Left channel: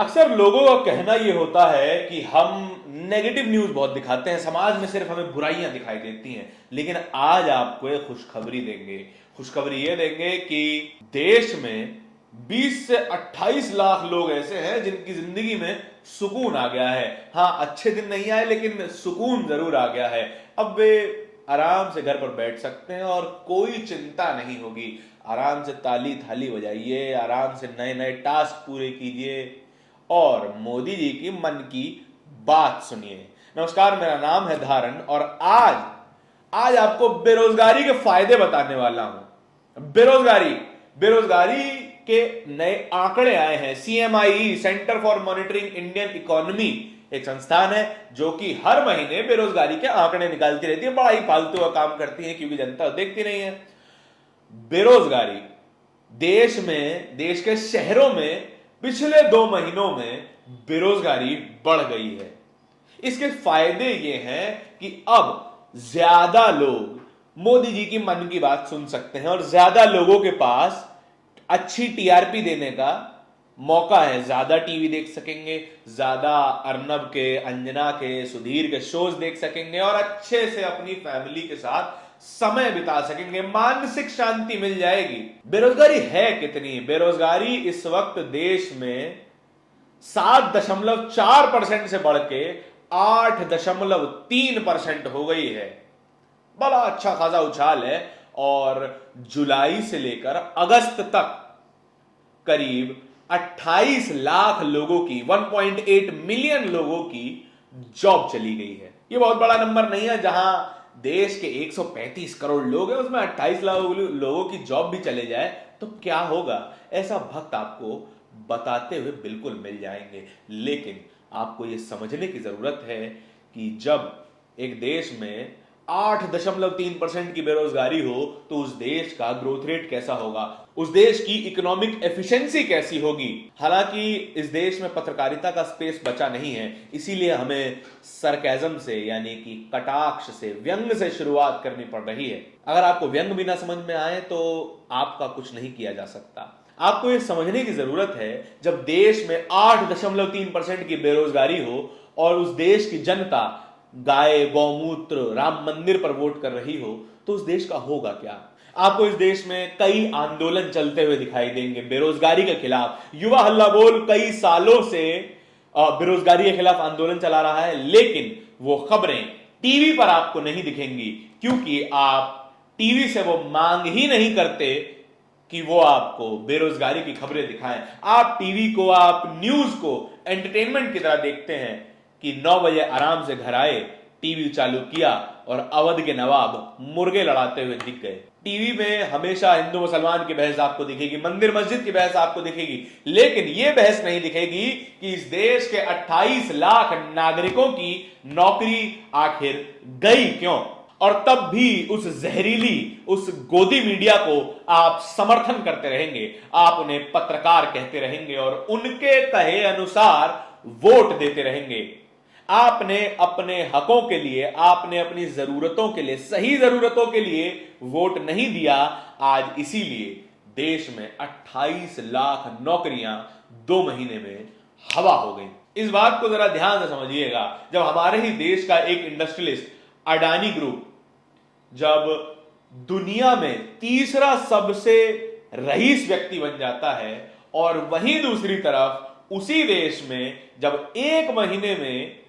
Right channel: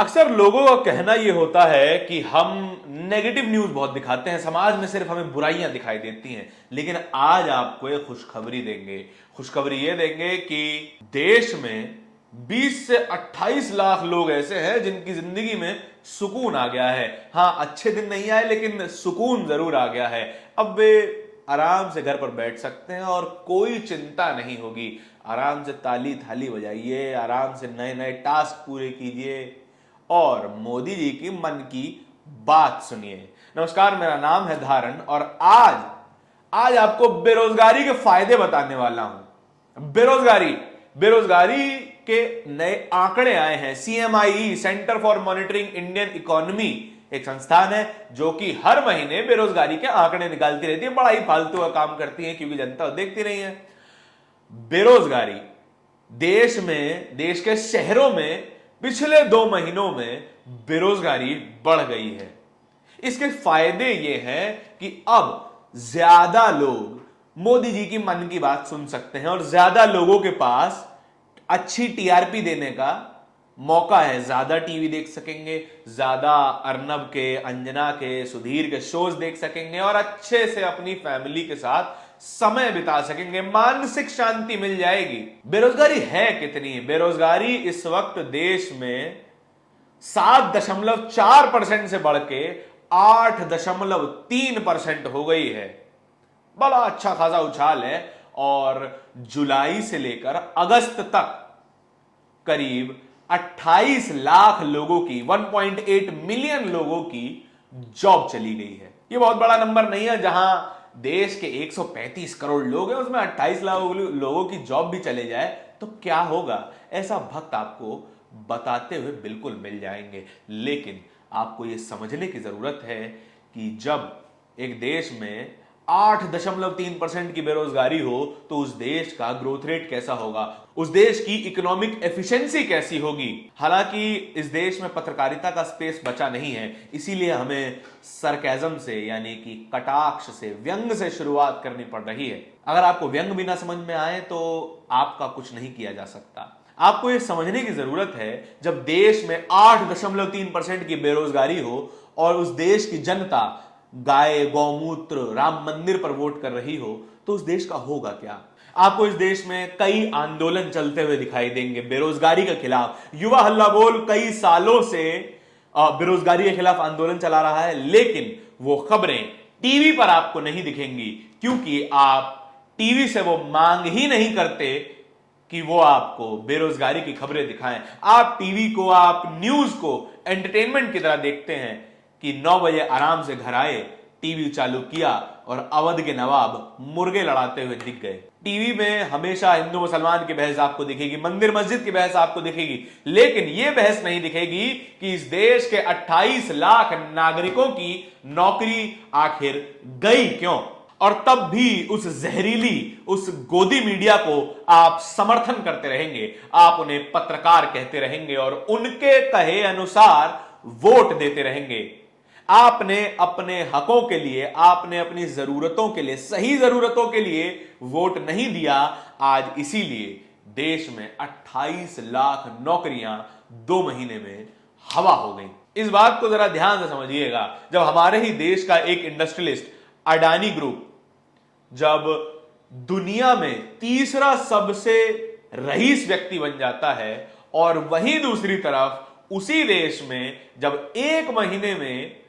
अक्सर लोगों का कहना यह होता है कि हम नेगेटिव न्यूज बहुत दिखाते हैं, समाज में सिर्फ हमें बुराइयां दिखाई देती हैं। लेकिन आज आपको एक खुशखबरी देंगे। खुशखबरी ये देंगे कि देश में 20 से 28 लाख लोग ऐसे हैं जिनकी जिंदगी में सुकून आ गया है। हाँ, अच्छे दिन नहीं आए लेकिन सुकून जरूर आ गया है। अब वे आराम से घर पर बैठ सकते हैं और कोई चिंता नहीं होगी। आराम से ताली थाली बजाइए, आराम से नए नए टास्क पूरे कीजिए और मोदी जी की मन की बात सुनिए। नमस्कार, मेरा नाम है धारण और आज आपको बेरोजगारी के फायदे बताने वाला हूं। बेरोजगारी बेरोजगारी के नए आंकड़े आए हैं। CMI, centre for monitoring Indian economy, एक संस्थान है जो कि हर महीने बेरोजगारी के आंकड़े निकालती रहती है। बड़ा ही फालतू का काम करती है क्योंकि जनता देखती नहीं है। बेरोजगारी देश के शहरों में पिछले 2 महीनों में बेरोजगारी बढ़ गई है। इसके फायदे ये हैं कि अब ज्यादा लोग मोदी जी की मन की बात सुन सकते हैं और ज्यादा लोगों के पास अच्छी टीआरपी देने का मौका है। ज्यादा टीवी देख सकेंगे, ज्यादा अर्नब के, अंजना के, सुधीर के शोज देख सकेंगे और अच्छे से अपनी फैमिली के साथ समय बिता सकेंगे। मानसिक शांति मिल जाएगी। बेरोजगारी है कितनी? बेरोजगारी इस वक्त देश में 7.4% से बढ़ के 8.3% हो गई है। बड़ा अच्छा खासा उछाल है। और जुलाई से लेकर अगस्त तक करीब 28 लाख लोगों की, 1.8 मिलियन लोगों की जॉब चली गई है। यह बहुत बड़ा नंबर नहीं है। जहां देश के 135 करोड़ लोग हैं उसमें 28 लाख लोगों की जॉब भी चले जाए तो क्या होगा? ऐसा वक्त आपको बताते हुए बिल्कुल मिल जाएंगे। लेकिन आपको यह समझने की जरूरत है कि जब एक देश में 8.3% की बेरोजगारी हो तो उस देश का ग्रोथ रेट कैसा होगा, उस देश की इकोनॉमिक एफिशिएंसी कैसी होगी। हालांकि इस देश में पत्रकारिता का स्पेस बचा नहीं है, इसीलिए हमें सरकाज़म से यानी कि कटाक्ष से, व्यंग से शुरुआत करनी पड़ रही है। अगर आपको व्यंग भी ना समझ में आए तो आपका कुछ नहीं किया जा सकता। आपको यह समझने की जरूरत है, जब देश में 8.3% की बेरोजगारी हो और उस देश की जनता गाय, गौमूत्र, राम मंदिर पर वोट कर रही हो तो उस देश का होगा क्या? आपको इस देश में कई आंदोलन चलते हुए दिखाई देंगे बेरोजगारी के खिलाफ। युवा हल्ला बोल कई सालों से बेरोजगारी के खिलाफ आंदोलन चला रहा है, लेकिन वो खबरें टीवी पर आपको नहीं दिखेंगी क्योंकि आप टीवी से वो मांग ही नहीं करते कि वो आपको बेरोजगारी की खबरें दिखाएं। आप टीवी को, आप न्यूज को एंटरटेनमेंट की तरह देखते हैं कि 9 बजे आराम से घर आए, टीवी चालू किया और अवध के नवाब मुर्गे लड़ाते हुए दिख गए। टीवी में हमेशा हिंदू मुसलमान की बहस आपको दिखेगी, मंदिर मस्जिद की बहस आपको दिखेगी, लेकिन यह बहस नहीं दिखेगी कि इस देश के 28 लाख नागरिकों की नौकरी आखिर गई क्यों। और तब भी उस जहरीली, उस गोदी मीडिया को आप समर्थन करते रहेंगे, आप उन्हें पत्रकार कहते रहेंगे और उनके कहे अनुसार वोट देते रहेंगे। आपने अपने हकों के लिए, आपने अपनी जरूरतों के लिए, सही जरूरतों के लिए वोट नहीं दिया। आज इसीलिए देश में 28 लाख नौकरियां 2 महीने में हवा हो गई। इस बात को जरा ध्यान से समझिएगा। जब हमारे ही देश का एक इंडस्ट्रियलिस्ट अडानी ग्रुप जब दुनिया में तीसरा सबसे रईस व्यक्ति बन जाता है और वहीं दूसरी तरफ उसी देश में जब 1 महीने में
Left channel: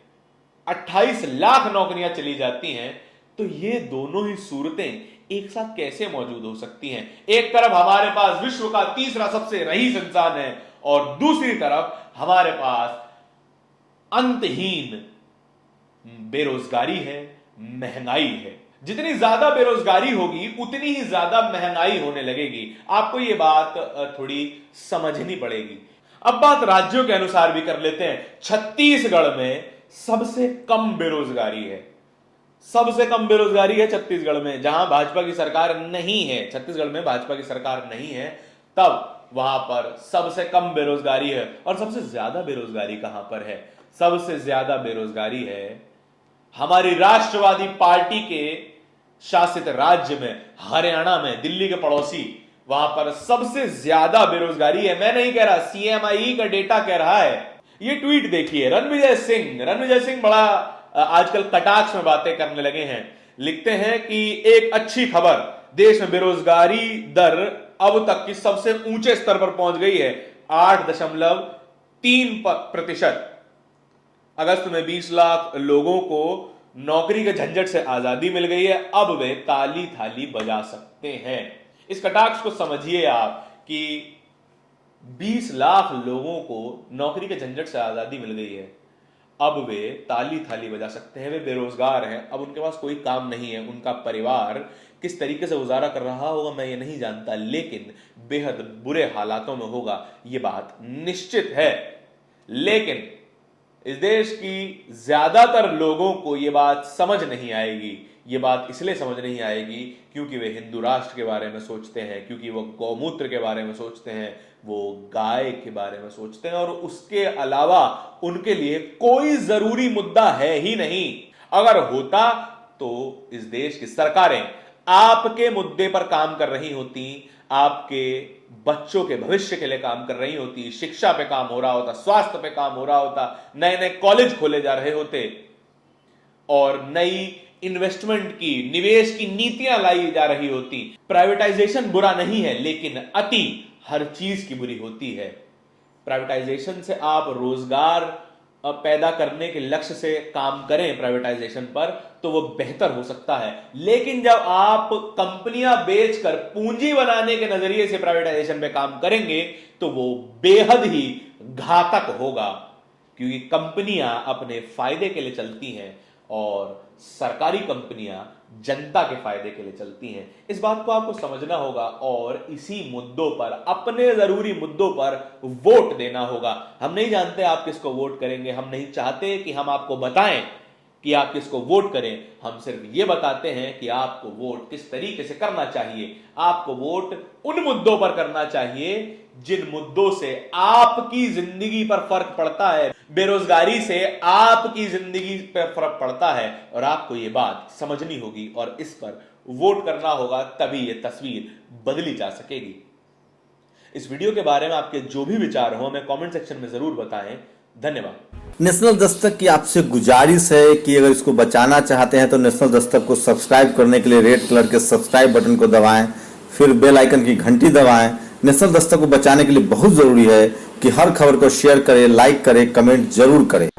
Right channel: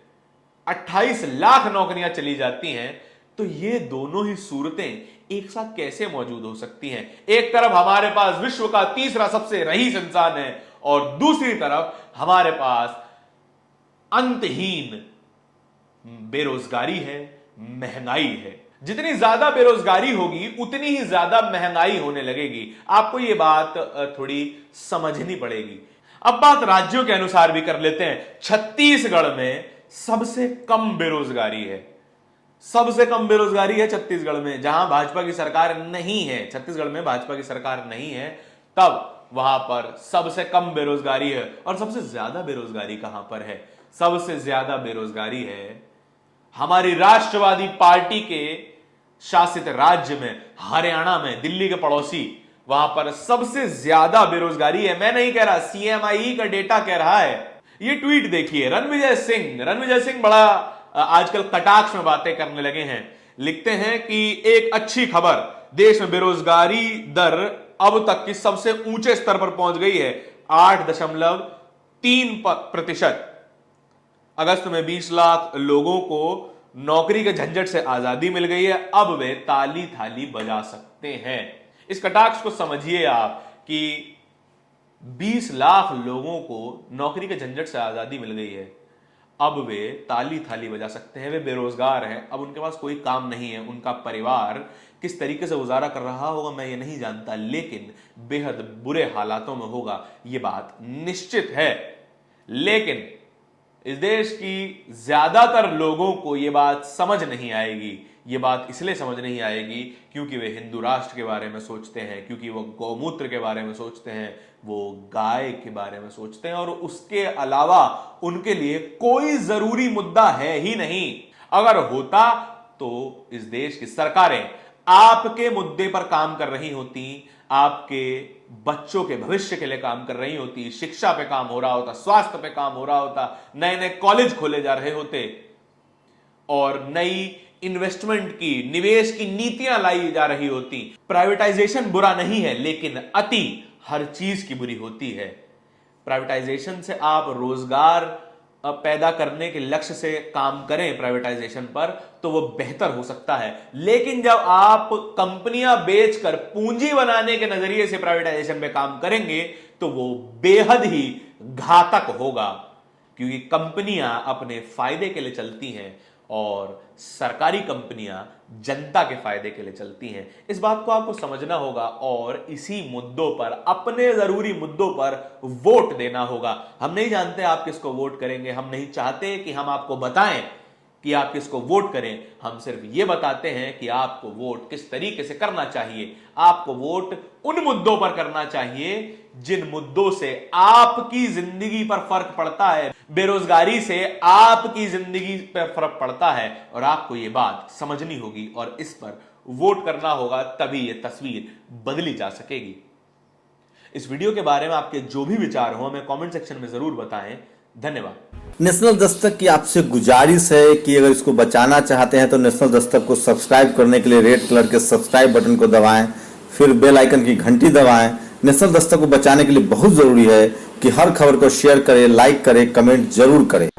28 लाख नौकरियां चली जाती हैं तो ये दोनों ही सूरतें एक साथ कैसे मौजूद हो सकती हैं? एक तरफ हमारे पास विश्व का तीसरा सबसे रईस इंसान है और दूसरी तरफ हमारे पास अंतहीन बेरोजगारी है, महंगाई है। जितनी ज्यादा बेरोजगारी होगी उतनी ही ज्यादा महंगाई होने लगेगी। आपको यह बात थोड़ी समझनी पड़ेगी। अब बात राज्यों के अनुसार भी कर लेते हैं। छत्तीसगढ़ में सबसे कम बेरोजगारी है। सबसे कम बेरोजगारी है छत्तीसगढ़ में, जहां भाजपा की सरकार नहीं है। छत्तीसगढ़ में भाजपा की सरकार नहीं है, तब वहां पर सबसे कम बेरोजगारी है। और सबसे ज्यादा बेरोजगारी कहां पर है? सबसे ज्यादा बेरोजगारी है हमारी राष्ट्रवादी पार्टी के शासित राज्य में, हरियाणा में, दिल्ली के पड़ोसी, वहां पर सबसे ज्यादा बेरोजगारी है। मैं नहीं कह रहा, सीएमआई का डेटा कह रहा है। ये ट्वीट देखिए, रणविजय सिंह बड़ा आजकल कटाक्ष में बातें करने लगे हैं। लिखते हैं कि एक अच्छी खबर, देश में बेरोजगारी दर अब तक की सबसे ऊंचे स्तर पर पहुंच गई है, 8.3%। अगस्त में 20 लाख लोगों को नौकरी के झंझट से आजादी मिल गई है, अब वे ताली थाली बजा सकते हैं। इस कटाक्ष को समझिए आप कि 20 लाख लोगों को नौकरी के झंझट से आजादी मिल गई है, अब वे ताली थाली बजा सकते हैं। वे बेरोजगार हैं, अब उनके पास कोई काम नहीं है। उनका परिवार किस तरीके से गुजारा कर रहा होगा मैं ये नहीं जानता, लेकिन बेहद बुरे हालातों में होगा, ये बात निश्चित है। लेकिन इस देश की ज्यादातर लोगों को यह बात समझ नहीं आएगी। ये बात इसलिए समझ नहीं आएगी क्योंकि वे हिंदू राष्ट्र के बारे में सोचते हैं, क्योंकि वो गौमूत्र के बारे में सोचते हैं, वो गाय के बारे में सोचते हैं, और उसके अलावा उनके लिए कोई जरूरी मुद्दा है ही नहीं। अगर होता तो इस देश की सरकारें आपके मुद्दे पर काम कर रही होती, आपके बच्चों के भविष्य के लिए काम कर रही होती, शिक्षा पे काम हो रहा होता, स्वास्थ्य पे काम हो रहा होता, नए नए कॉलेज खोले जा रहे होते और नई इन्वेस्टमेंट की, निवेश की नीतियां लाई जा रही होती। प्राइवेटाइजेशन बुरा नहीं है, लेकिन अति हर चीज की बुरी होती है। प्राइवेटाइजेशन से आप रोजगार पैदा करने के लक्ष्य से काम करें प्राइवेटाइजेशन पर, तो वो बेहतर हो सकता है। लेकिन जब आप कंपनियां बेचकर पूंजी बनाने के नजरिए से प्राइवेटाइजेशन पे काम करेंगे तो वो बेहद ही घातक होगा, क्योंकि कंपनियां अपने फायदे के लिए चलती हैं और सरकारी कंपनियां जनता के फायदे के लिए चलती हैं। इस बात को आपको समझना होगा और इसी मुद्दों पर, अपने जरूरी मुद्दों पर वोट देना होगा। हम नहीं जानते आप किसको वोट करेंगे, हम नहीं चाहते कि हम आपको बताएं कि आप किसको वोट करें, हम सिर्फ ये बताते हैं कि आपको वोट किस तरीके से करना चाहिए। आपको वोट उन मुद्दों पर करना चाहिए जिन मुद्दों से आपकी जिंदगी पर फर्क पड़ता है, बेरोजगारी से आपकी जिंदगी पर फर्क पड़ता है, और आपको यह बात समझनी होगी और इस पर वोट करना होगा, तभी यह तस्वीर बदली जा सकेगी। इस वीडियो के बारे में आपके जो भी विचार हो हमें कमेंट सेक्शन में जरूर बताएं। धन्यवाद। नेशनल दस्तक की आपसे गुजारिश है कि अगर इसको बचाना चाहते हैं तो नेशनल दस्तक को सब्सक्राइब करने के लिए रेड कलर के सब्सक्राइब बटन को दबाएं, फिर बेल आइकन की घंटी दबाएं। नेशनल दस्तक को बचाने के लिए बहुत जरूरी है कि हर खबर को शेयर करें, लाइक करें, कमेंट जरूर करें।